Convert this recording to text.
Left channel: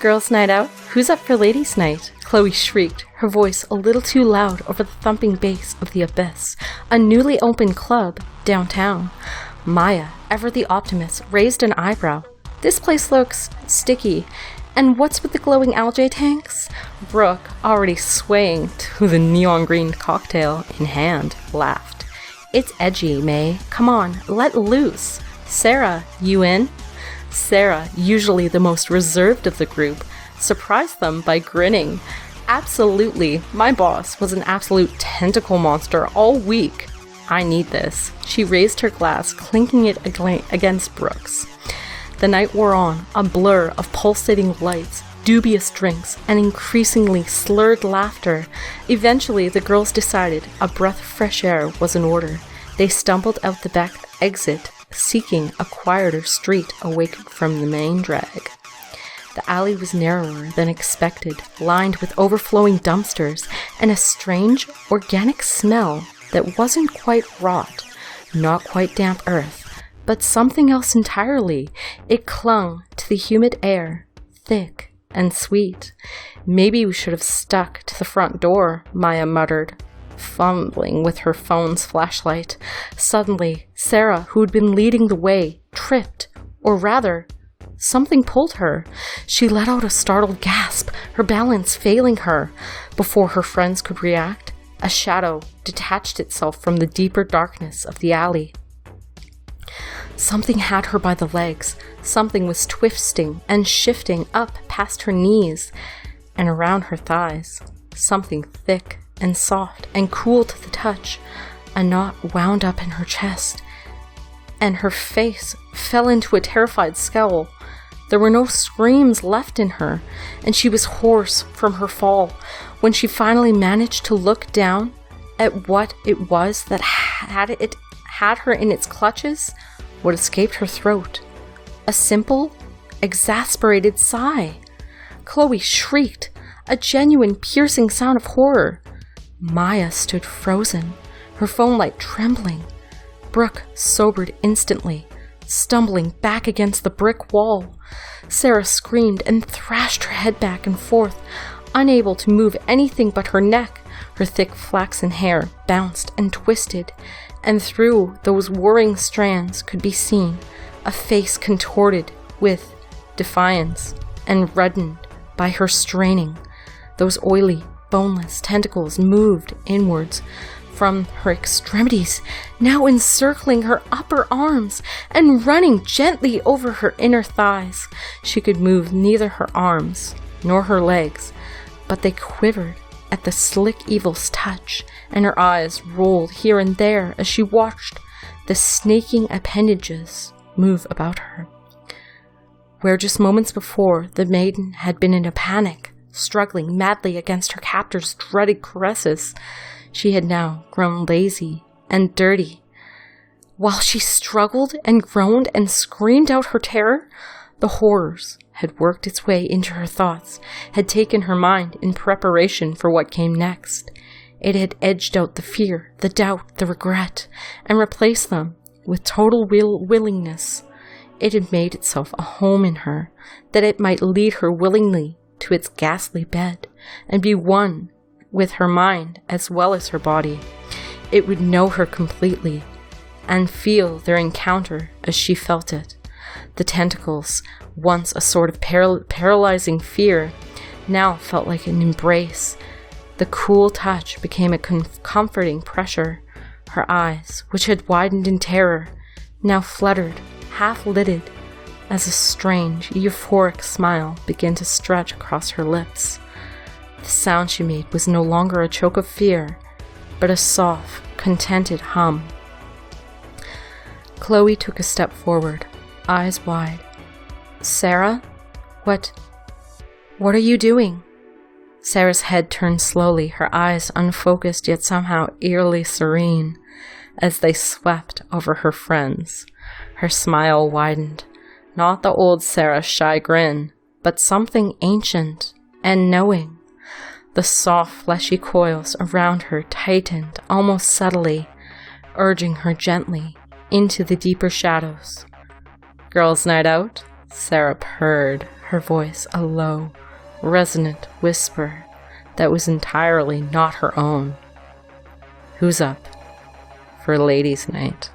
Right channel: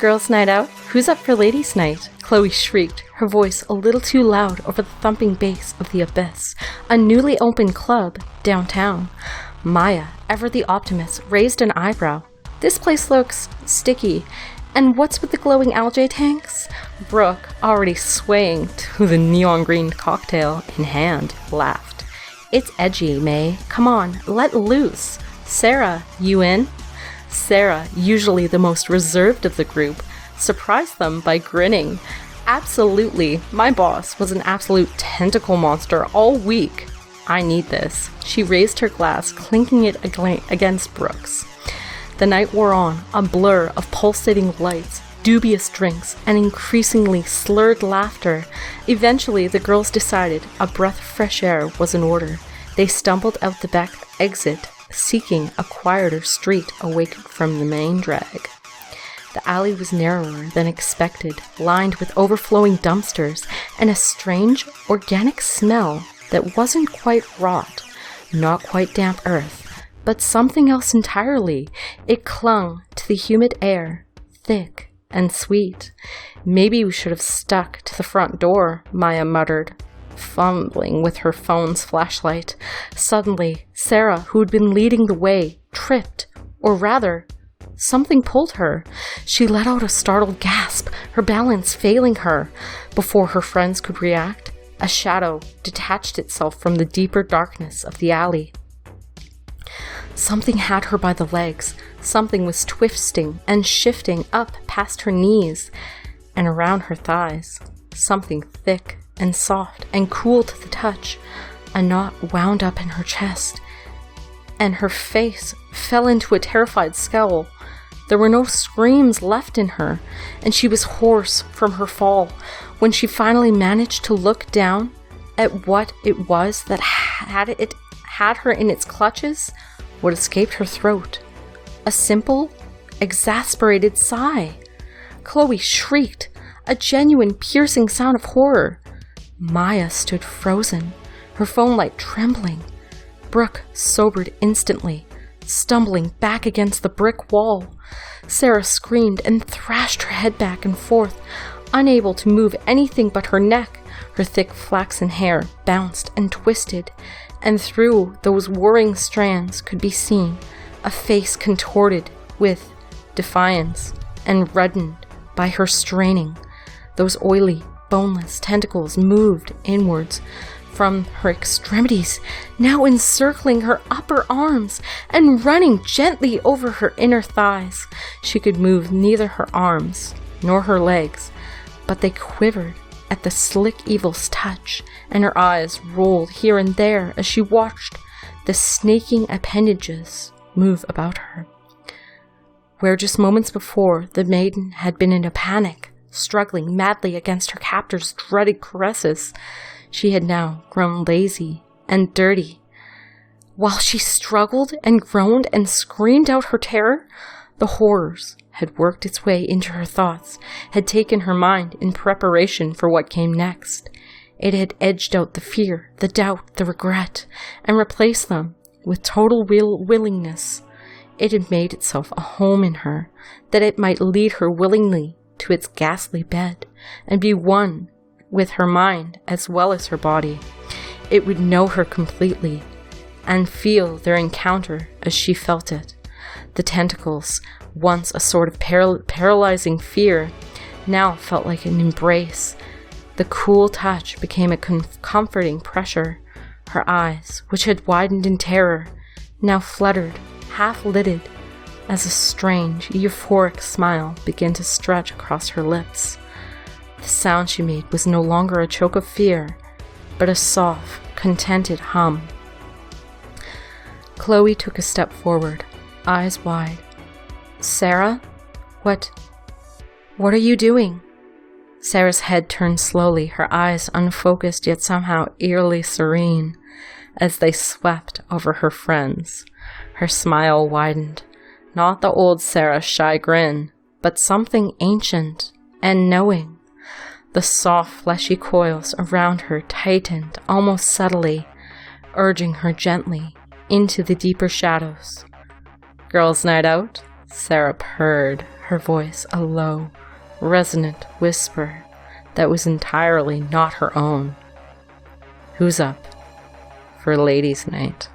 Girls' night out? Who's up for ladies' night? Chloe shrieked, her voice a little too loud over the thumping bass of the Abyss, a newly opened club downtown. Maya, ever the optimist, raised an eyebrow. This place looks sticky. And what's with the glowing algae tanks? Brooke, already swaying to the neon green cocktail in hand, laughed. It's edgy, May. Come on, let loose. Sarah, you in? Sarah, usually the most reserved of the group, surprised them by grinning. Absolutely, my boss was an absolute tentacle monster all week. I need this. She raised her glass, clinking it against Brooke's. The night wore on, a blur of pulsating lights, dubious drinks, and increasingly slurred laughter. Eventually, the girls decided a breath of fresh air was in order. They stumbled out the back exit, seeking a quieter street away from the main drag. The alley was narrower than expected, lined with overflowing dumpsters and a strange, organic smell that wasn't quite rot, not quite damp earth, but something else entirely. It clung to the humid air, thick and sweet. Maybe we should have stuck to the front door, Maya muttered, fumbling with her phone's flashlight. Suddenly, Sarah, who had been leading the way, tripped, or rather, something pulled her. She let out a startled gasp, her balance failing her. Before her friends could react, a shadow detached itself from the deeper darkness of the alley. Something had her by the legs. Something was twisting and shifting up past her knees and around her thighs. Something thick and soft and cool to the touch. A knot wound up in her chest, and her face fell into a terrified scowl. There were no screams left in her, and she was hoarse from her fall. When she finally managed to look down at what it was that had her in its clutches, what escaped her throat? A simple, exasperated sigh. Chloe shrieked, a genuine, piercing sound of horror. Maya stood frozen, her phone light trembling. Brooke sobered instantly, stumbling back against the brick wall. Sarah screamed and thrashed her head back and forth, unable to move anything but her neck. Her thick flaxen hair bounced and twisted, and through those whirring strands could be seen a face contorted with defiance and reddened by her straining. Those oily, boneless tentacles moved inwards from her extremities, now encircling her upper arms and running gently over her inner thighs. She could move neither her arms nor her legs, but they quivered at the slick evil's touch, and her eyes rolled here and there as she watched the snaking appendages move about her. Where just moments before the maiden had been in a panic, struggling madly against her captor's dreaded caresses, she had now grown lazy and dirty. While she struggled and groaned and screamed out her terror, the horrors had worked its way into her thoughts, had taken her mind in preparation for what came next. It had edged out the fear, the doubt, the regret, and replaced them with total willingness. It had made itself a home in her, that it might lead her willingly to its ghastly bed, and be one with her mind as well as her body. It would know her completely, and feel their encounter as she felt it. The tentacles, once a sort of paralyzing fear, now felt like an embrace. The cool touch became a comforting pressure. Her eyes, which had widened in terror, now fluttered, half-lidded, as a strange, euphoric smile began to stretch across her lips. The sound she made was no longer a choke of fear, but a soft, contented hum. Chloe took a step forward, eyes wide. Sarah? What are you doing? Sarah's head turned slowly, her eyes unfocused yet somehow eerily serene, as they swept over her friends. Her smile widened, not the old Sarah's shy grin, but something ancient and knowing. The soft, fleshy coils around her tightened almost subtly, urging her gently into the deeper shadows. Girls' night out? Sarah purred, her voice a low, resonant whisper that was entirely not her own. "Who's up for ladies' night?"